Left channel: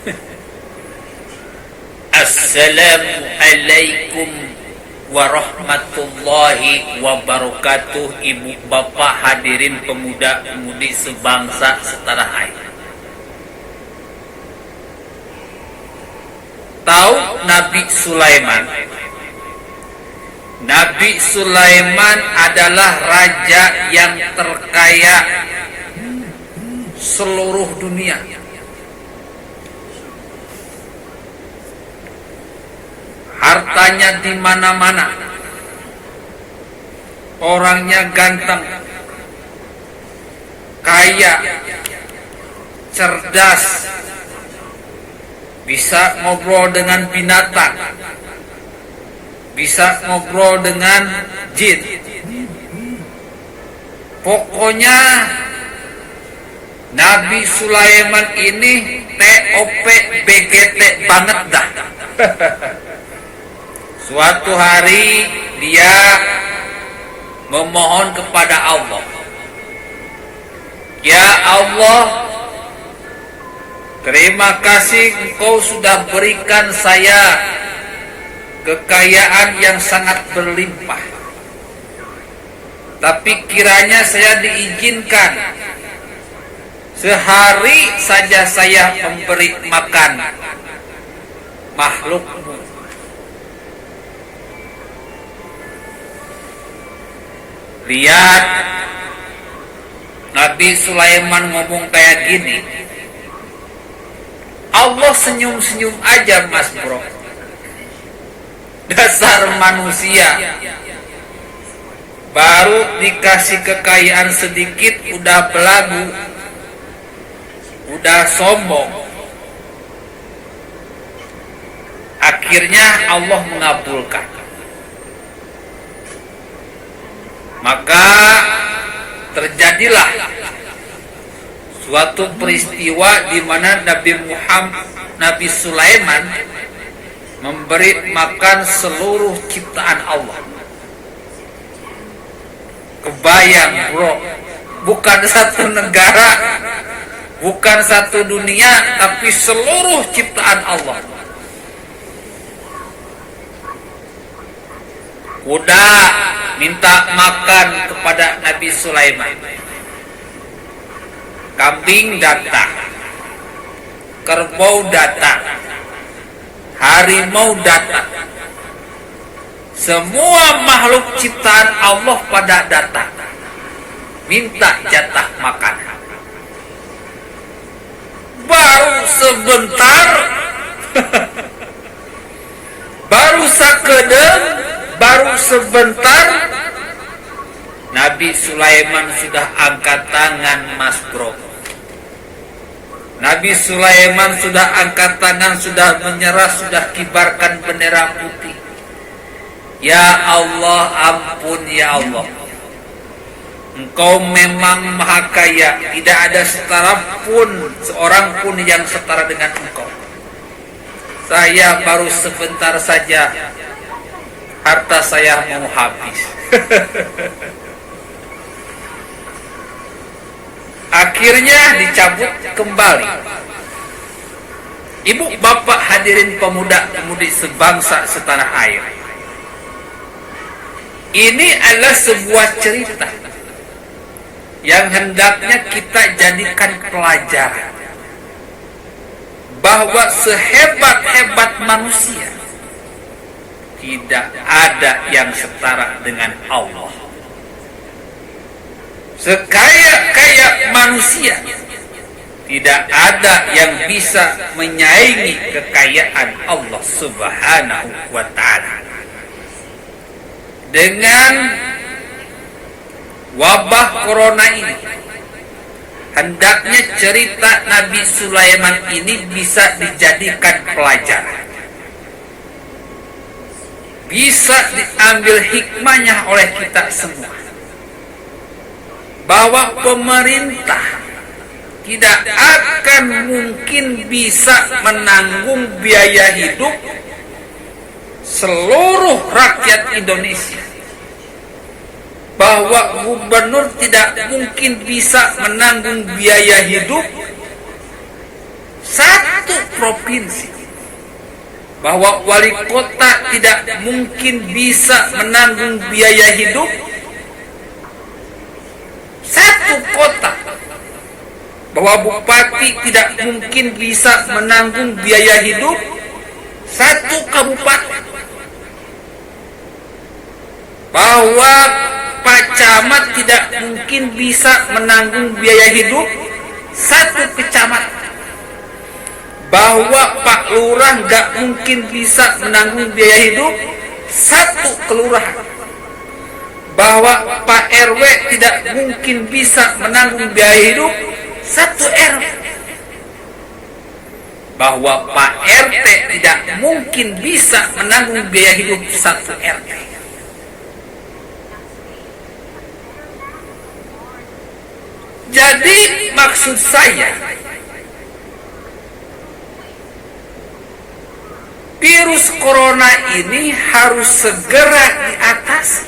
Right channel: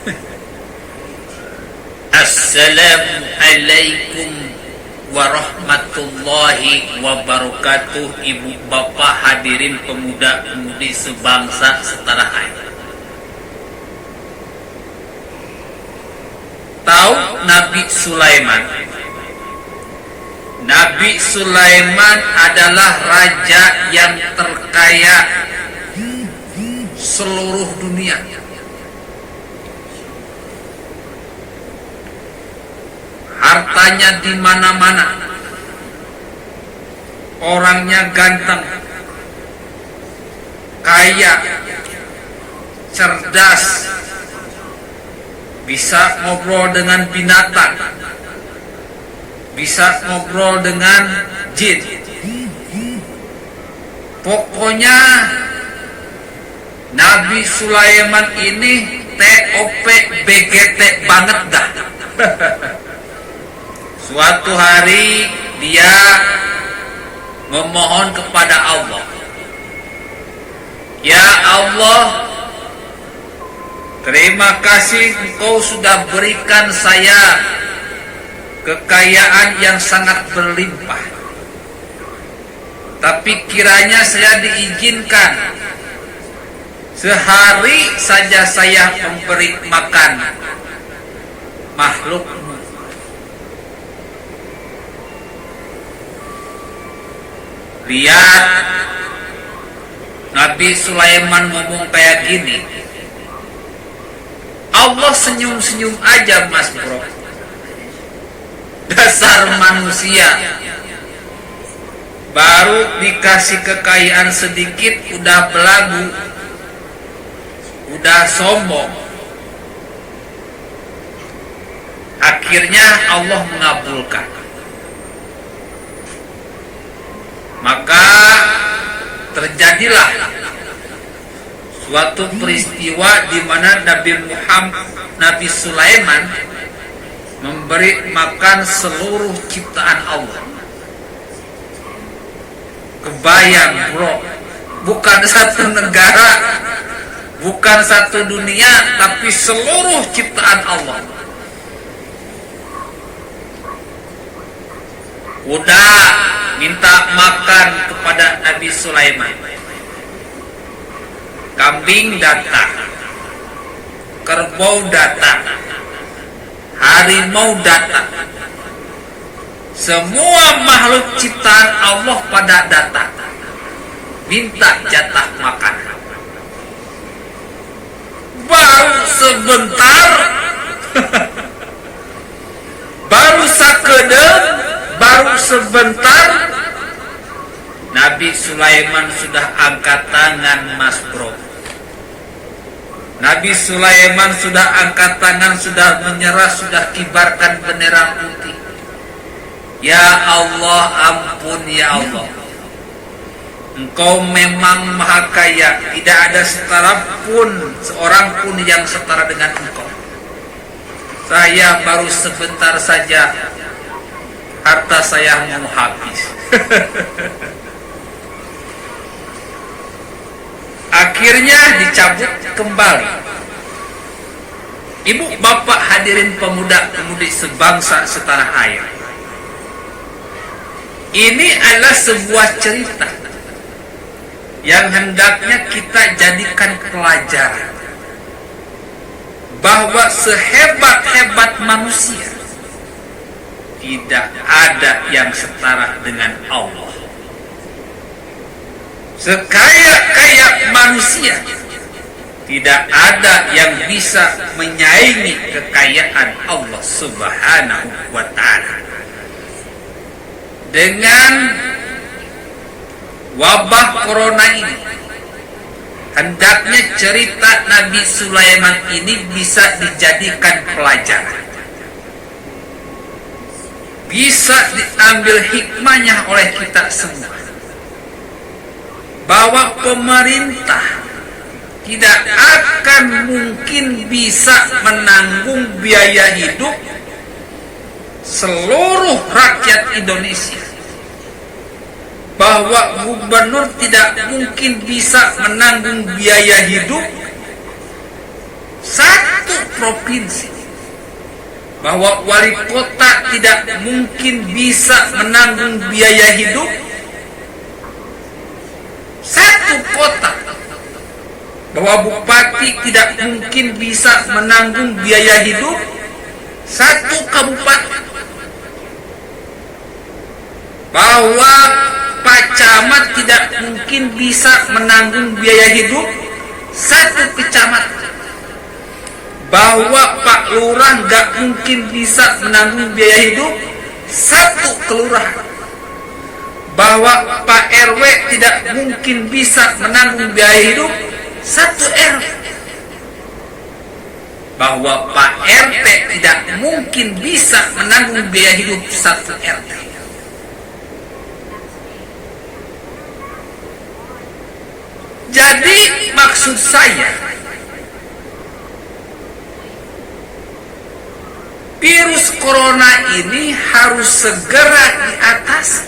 Assalamualaikum warahmatullahi wabarakatuh. Ibu bapak hadirin pemuda-pemudi sebangsa setanah air. Tahu Nabi Sulaiman? Nabi Sulaiman adalah raja yang terkaya seluruh dunia. Hartanya di mana-mana. Orangnya ganteng, kaya, cerdas, bisa ngobrol dengan binatang, bisa ngobrol dengan jin. Pokoknya Nabi Sulaiman ini TOP BGT banget dah. Suatu hari dia memohon kepada Allah, "Ya Allah, terima kasih Engkau sudah berikan saya kekayaan yang sangat berlimpah. Tapi kiranya saya diizinkan sehari saja saya memberi makan makhluk-Mu." Lihat, Nabi Sulaiman ngomong kayak gini, Allah senyum-senyum aja, Mas Bro. Dasar manusia, baru dikasih kekayaan sedikit udah belagu, udah sombong. Akhirnya Allah mengabulkan. Maka terjadilah suatu peristiwa di mana Nabi Sulaiman memberi makan seluruh ciptaan Allah. Kebayang, bro, bukan satu negara, bukan satu dunia, tapi seluruh ciptaan Allah. Udah minta makan kepada Nabi Sulaiman. Kambing datang, kerbau datang, harimau datang. Semua makhluk ciptaan Allah pada datang, minta jatah makan. Baru sebentar, baru sakedeng, baru sebentar, Nabi Sulaiman sudah angkat tangan, Mas Bro. Nabi Sulaiman sudah angkat tangan, sudah menyerah, sudah kibarkan bendera putih. Ya Allah, ampun ya Allah. Engkau memang maha kaya, tidak ada setara pun, seorang pun yang setara dengan Engkau. Saya baru sebentar saja, harta saya mau habis. Akhirnya dicabut kembali. Ibu bapak hadirin pemuda-pemudi sebangsa setanah air, ini adalah sebuah cerita yang hendaknya kita jadikan pelajaran, bahwa sehebat-hebat manusia tidak ada yang setara dengan Allah. Sekaya-kaya manusia tidak ada yang bisa menyaingi kekayaan Allah Subhanahu wa ta'ala. Dengan wabah corona ini, hendaknya cerita Nabi Sulaiman ini bisa dijadikan pelajaran, bisa diambil hikmahnya oleh kita semua, bahwa pemerintah tidak akan mungkin bisa menanggung biaya hidup seluruh rakyat Indonesia, bahwa gubernur tidak mungkin bisa menanggung biaya hidup 1 provinsi, bahwa wali kota tidak mungkin bisa menanggung biaya hidup satu kota, bahwa bupati tidak mungkin bisa menanggung biaya hidup satu kabupaten, bahwa Pak Camat tidak mungkin bisa menanggung biaya hidup satu kecamatan, bahwa Pak Lurah nggak mungkin bisa menanggung biaya hidup satu kelurahan, bahwa Pak RW tidak mungkin bisa menanggung biaya hidup satu RW, bahwa Pak RT tidak mungkin bisa menanggung biaya hidup satu RT. Jadi maksud saya, virus corona ini harus segera diatasi.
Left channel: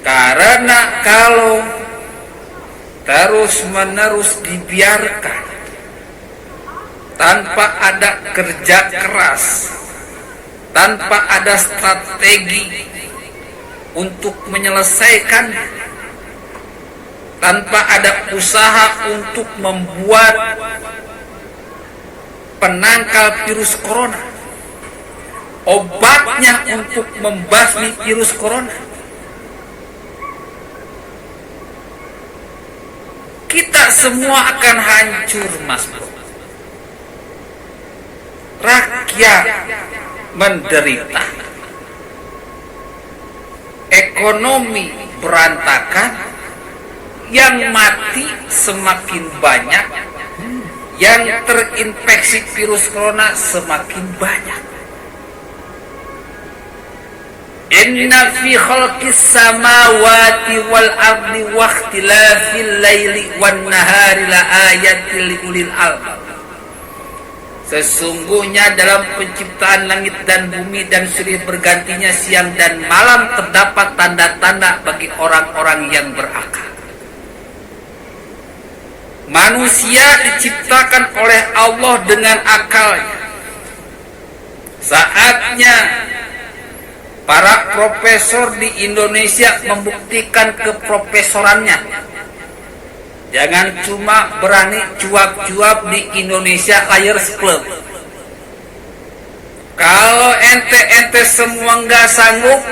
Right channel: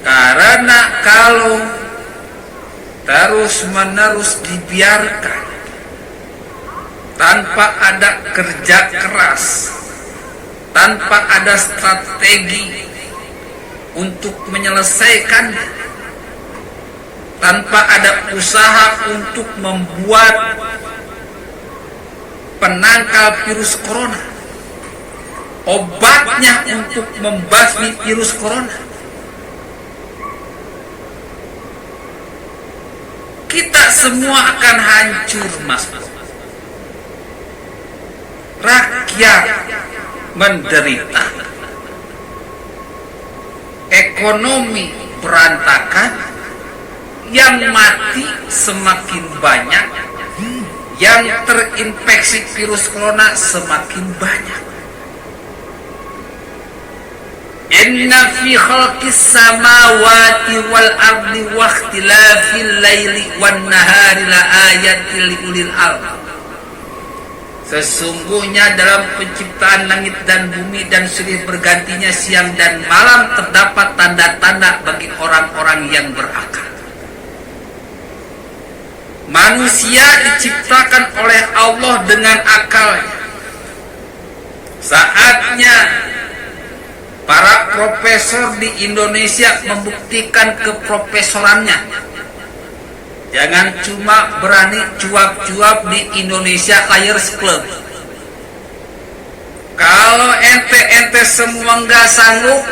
Karena kalau terus-menerus dibiarkan tanpa ada kerja keras, tanpa ada strategi untuk menyelesaikannya, tanpa ada usaha untuk membuat penangkal virus corona, obatnya untuk membasmi virus corona, kita semua akan hancur, Mas Bro. Rakyat menderita, ekonomi berantakan, yang mati semakin banyak, yang terinfeksi virus corona semakin banyak. Inna fi khalqis samawati wal ardi wa ikhtilafil laili wan nahari la ayatil liulil albab. Sesungguhnya dalam penciptaan langit dan bumi dan silih bergantinya siang dan malam terdapat tanda-tanda bagi orang-orang yang berakal. Manusia diciptakan oleh Allah dengan akalnya. Saatnya para profesor di Indonesia membuktikan keprofesorannya. Jangan cuma berani cuap-cuap di Indonesia Liars Club. Kalau ente semua nggak sanggup,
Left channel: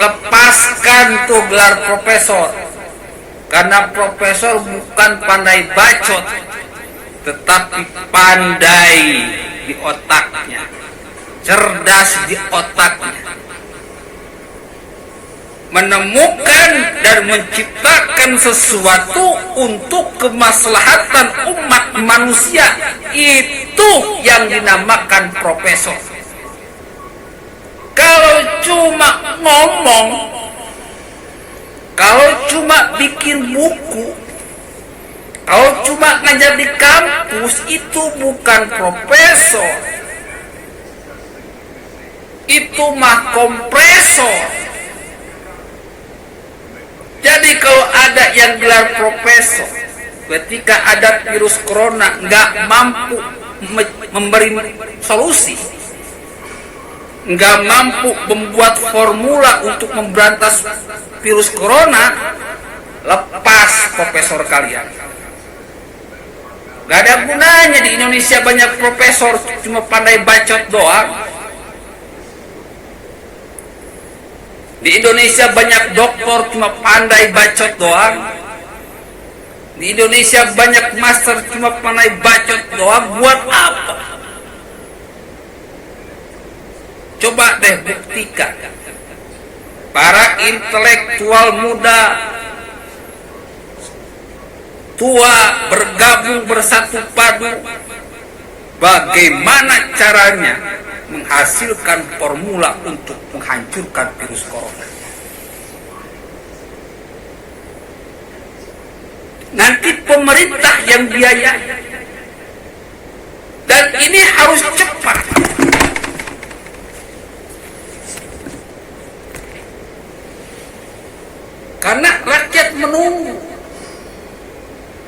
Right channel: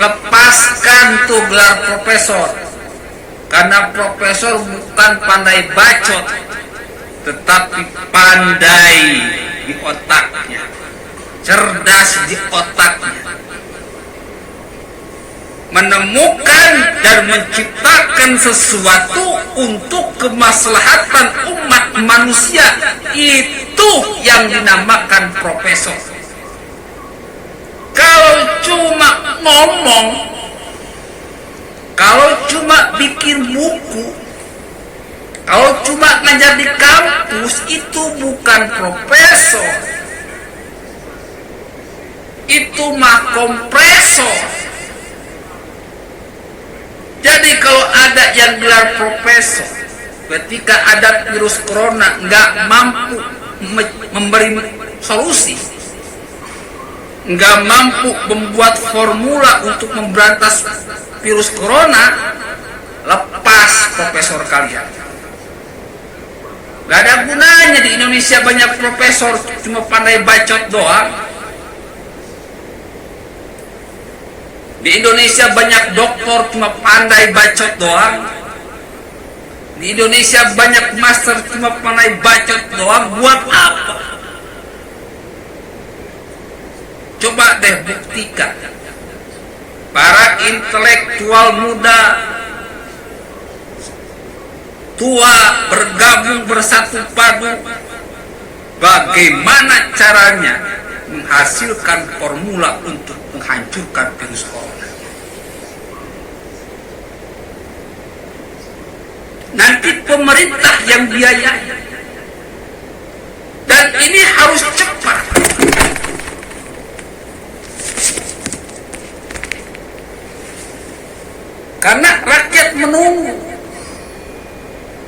lepaskan tuh gelar profesor. Karena profesor bukan pandai bacot, tetapi pandai di otaknya, cerdas di otaknya, menemukan dan menciptakan sesuatu untuk kemaslahatan umat manusia. Itu yang dinamakan profesor. Kalau cuma ngomong, kalau cuma bikin buku, kalau cuma ngajar di kampus, itu bukan profesor, itu mah kompresor. Jadi kalau ada yang gelar profesor, ketika ada virus corona nggak mampu memberi solusi, nggak mampu membuat formula untuk memberantas virus corona, lepas profesor kalian. Nggak ada gunanya di Indonesia banyak profesor cuma pandai bacot doang. Di Indonesia banyak doktor cuma pandai bacot doang. Di Indonesia banyak master cuma pandai bacot doang. Buat apa? Coba deh buktikan. Para intelektual muda, tua bergabung bersatu padu. Bagaimana caranya menghasilkan formula untuk menghancurkan virus corona? Nanti pemerintah yang biayai, dan ini harus cepat. Karena rakyat menunggu.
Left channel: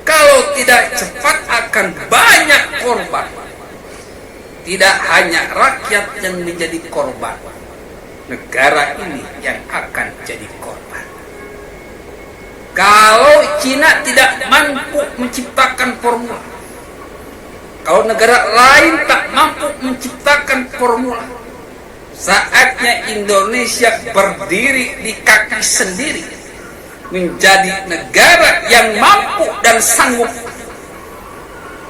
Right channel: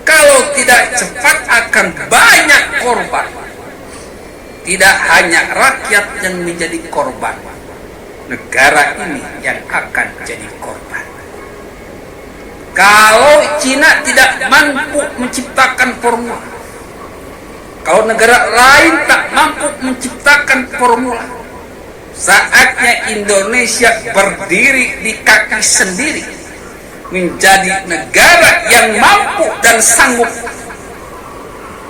Kalau tidak cepat akan banyak korban. Tidak hanya rakyat yang menjadi korban, negara ini yang akan jadi korban. Kalau Cina tidak mampu menciptakan formula, kalau negara lain tak mampu menciptakan formula, saatnya Indonesia berdiri di kaki sendiri, menjadi negara yang mampu dan sanggup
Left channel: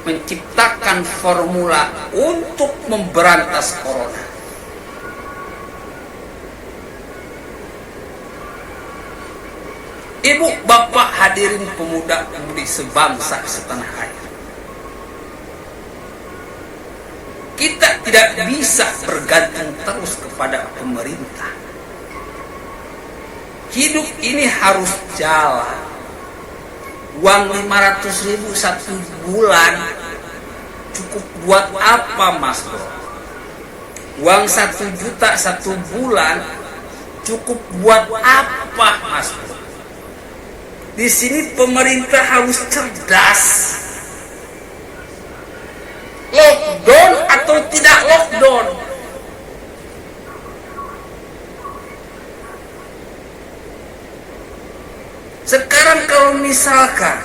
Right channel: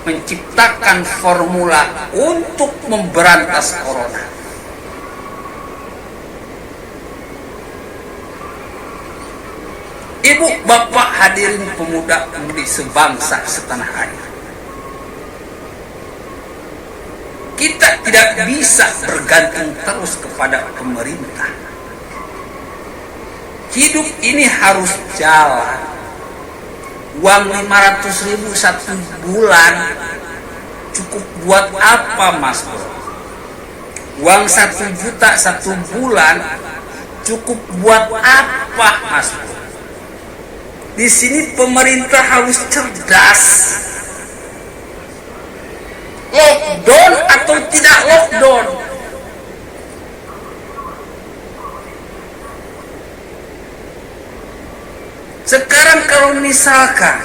menciptakan formula untuk memberantas corona. Ibu, bapak, hadirin pemuda-pemudi sebangsa setanah air. Kita tidak bisa bergantung terus kepada pemerintah. Hidup ini harus jalan. Uang 500.000 satu bulan cukup buat apa, Mas Bro? Uang 1 juta satu bulan cukup buat apa, Mas Bro? Di sini pemerintah harus cerdas. Lockdown atau tidak lockdown? Sekarang kalau misalkan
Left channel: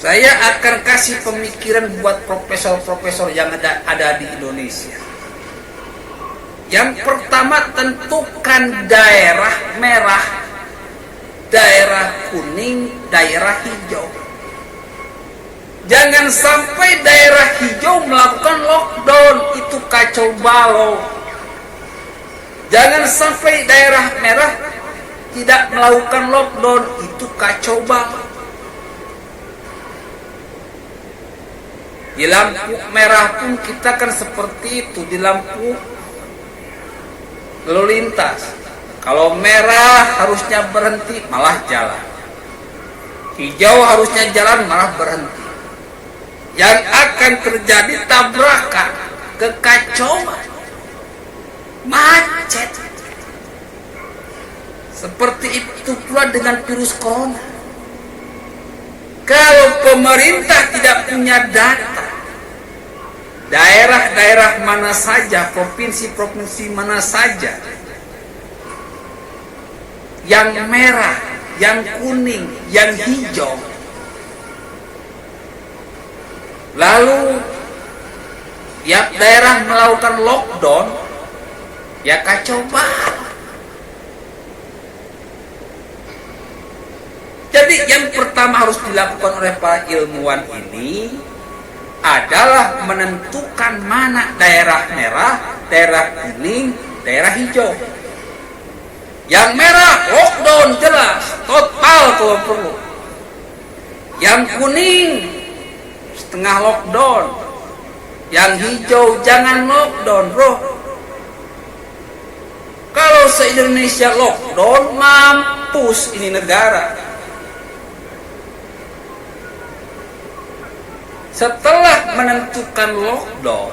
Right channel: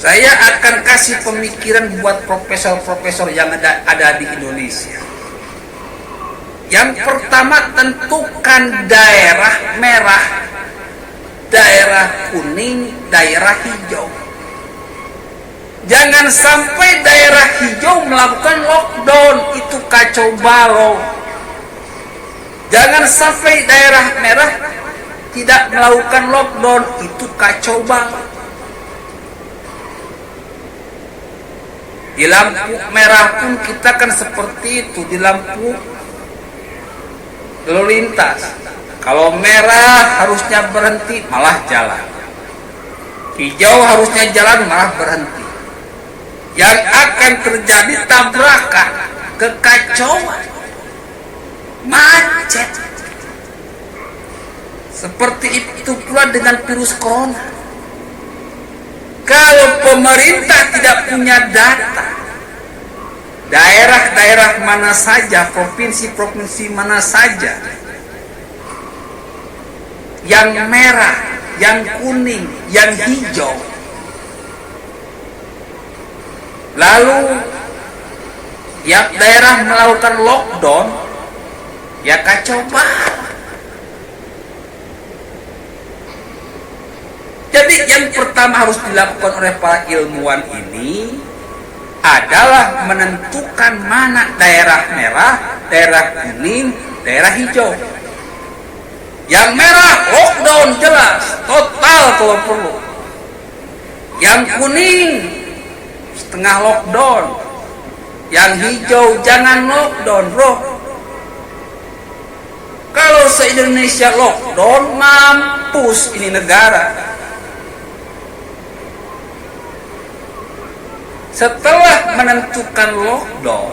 saya akan kasih pemikiran buat profesor-profesor yang ada di Indonesia. Yang pertama, tentukan daerah merah, daerah kuning, daerah hijau. Jangan sampai daerah hijau melakukan lockdown, itu kacau balau. Jangan sampai daerah merah tidak melakukan lockdown, itu kacau balau. Di lampu merah pun kita kan seperti itu, di lampu lalu lintas. Kalau merah harusnya berhenti, malah jalan. Hijau harusnya jalan, malah berhenti. Yang akan terjadi tabrakan, kekacauan, macet. Seperti itu pula dengan virus corona. Kalau pemerintah tidak punya data, daerah-daerah mana saja, provinsi-provinsi mana saja yang merah, yang kuning, yang hijau, lalu tiap daerah melakukan lockdown, ya kacau banget. Jadi yang pertama harus dilakukan oleh para ilmuwan ini adalah menentukan mana daerah merah, daerah kuning, daerah hijau. Yang merah lockdown jelas, total kalau perlu. Yang kuning setengah lockdown. Yang hijau jangan lockdown, bro. Kalau se-Indonesia lockdown, mampus ini negara. Setelah menentukan lockdown,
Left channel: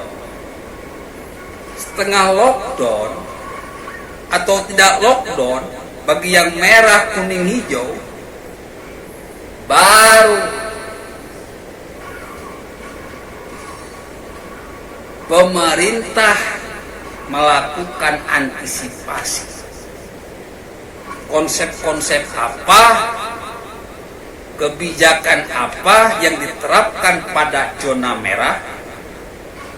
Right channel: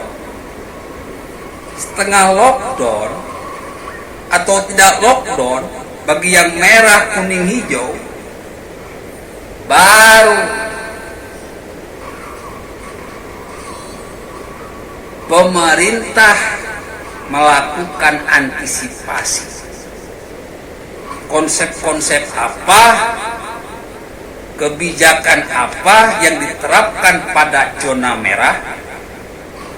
setengah lockdown, atau tidak lockdown, bagi yang merah, kuning, hijau, baru pemerintah melakukan antisipasi. Konsep-konsep apa, kebijakan apa yang diterapkan pada zona merah,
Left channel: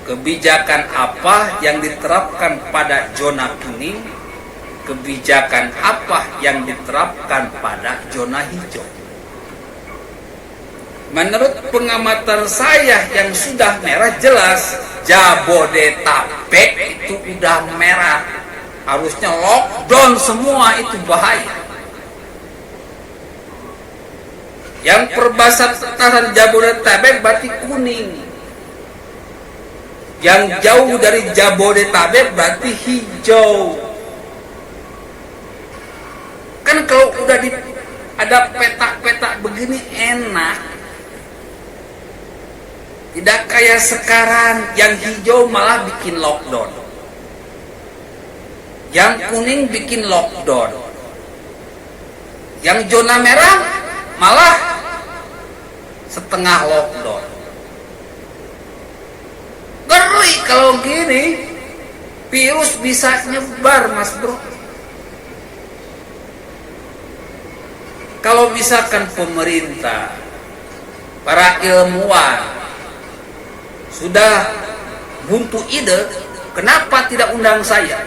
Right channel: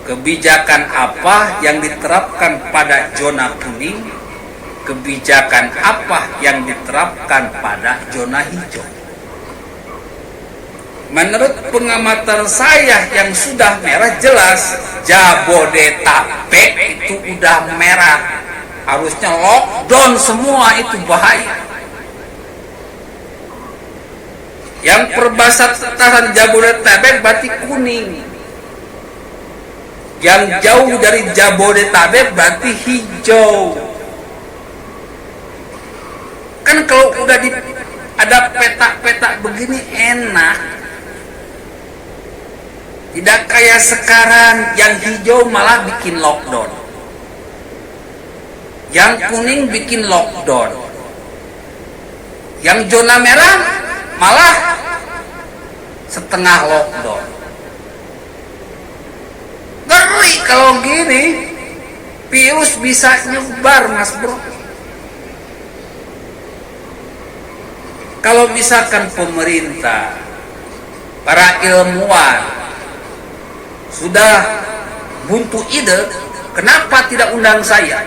kebijakan apa yang diterapkan pada zona kuning, kebijakan apa yang diterapkan pada zona hijau. Menurut pengamatan saya yang sudah merah jelas, Jabodetabek itu udah merah, harusnya lockdown semua, itu bahaya. Yang perbatasan Jabodetabek berarti kuning. Yang jauh dari Jabodetabek berarti hijau. Kan kalau udah ada peta-peta begini enak. Tidak kayak sekarang yang hijau malah bikin lockdown. Yang kuning bikin lockdown. Yang zona merah malah setengah lockdown. kalau gini virus bisa nyebar, Mas Bro. Kalau misalkan pemerintah, para ilmuwan sudah buntu ide, kenapa tidak undang saya?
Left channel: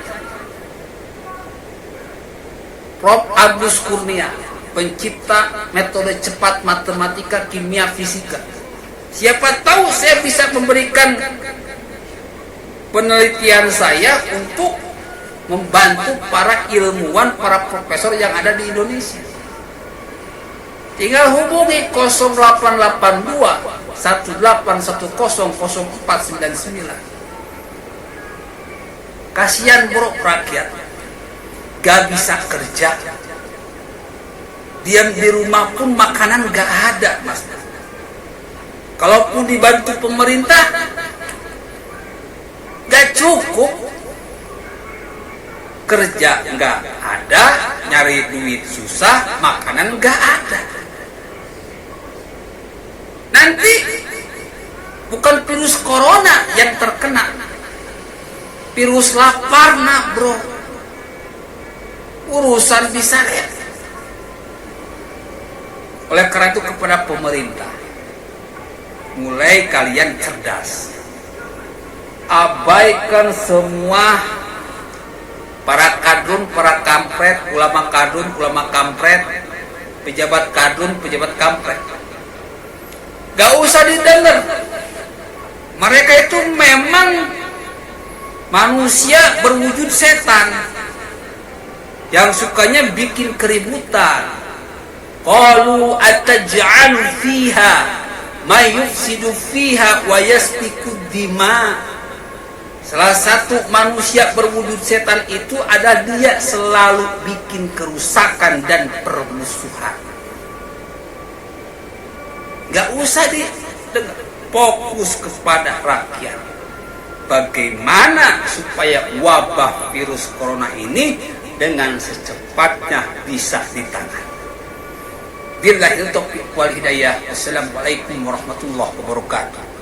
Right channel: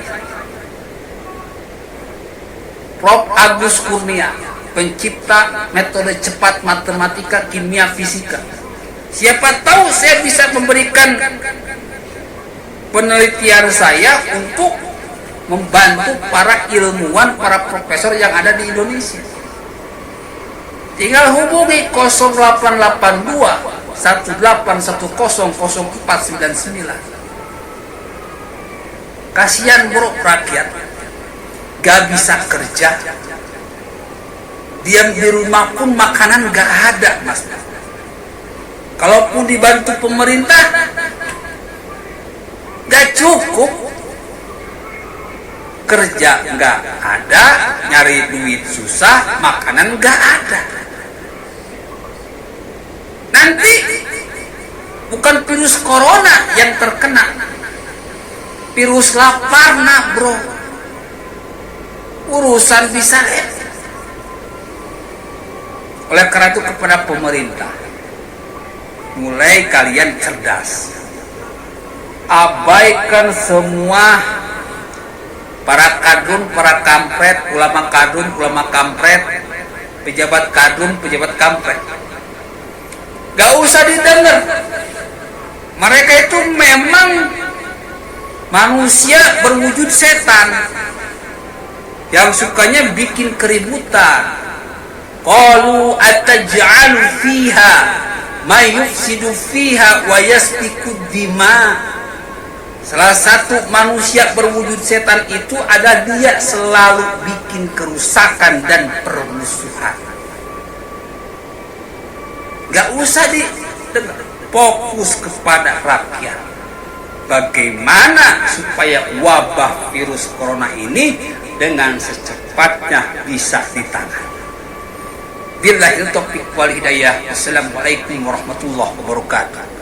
Prof. Agus Kurnia, pencipta metode cepat matematika, kimia, fisika. Siapa tahu saya bisa memberikan penelitian saya untuk membantu para ilmuwan, para profesor yang ada di Indonesia. Tinggal hubungi 0882 18100499. Kasihan bro, rakyat gak bisa kerja, diam di rumah pun makanan gak ada, Mas. Kalaupun dibantu pemerintah gak cukup, kerja nggak ada, nyari duit susah, makanan nggak ada. Nanti bukan virus corona yang terkena, virus lapar, nah bro, urusan bisa repot. Oleh karena itu kepada pemerintah, mulai kalian cerdas, abaikan semua para kadrun, para kampret, ulama kadrun, ulama kampret, pejabat kadrun, pejabat kampret. Gak usah didengar. Mereka itu memang manusia berwujud setan yang sukanya bikin keributan. Qalu ataj'alu fiha may yufsidu fiha wa yasfiku dima. Salah satu manusia berwujud setan itu adalah dia selalu bikin kerusakan dan permusuhan. Gak usah didengar, fokus kepada rakyat. Bagaimana supaya wabah virus corona ini dengan secepatnya bisa ditangani. Billahil taufiq wal hidayah. Wassalamualaikum warahmatullahi wabarakatuh.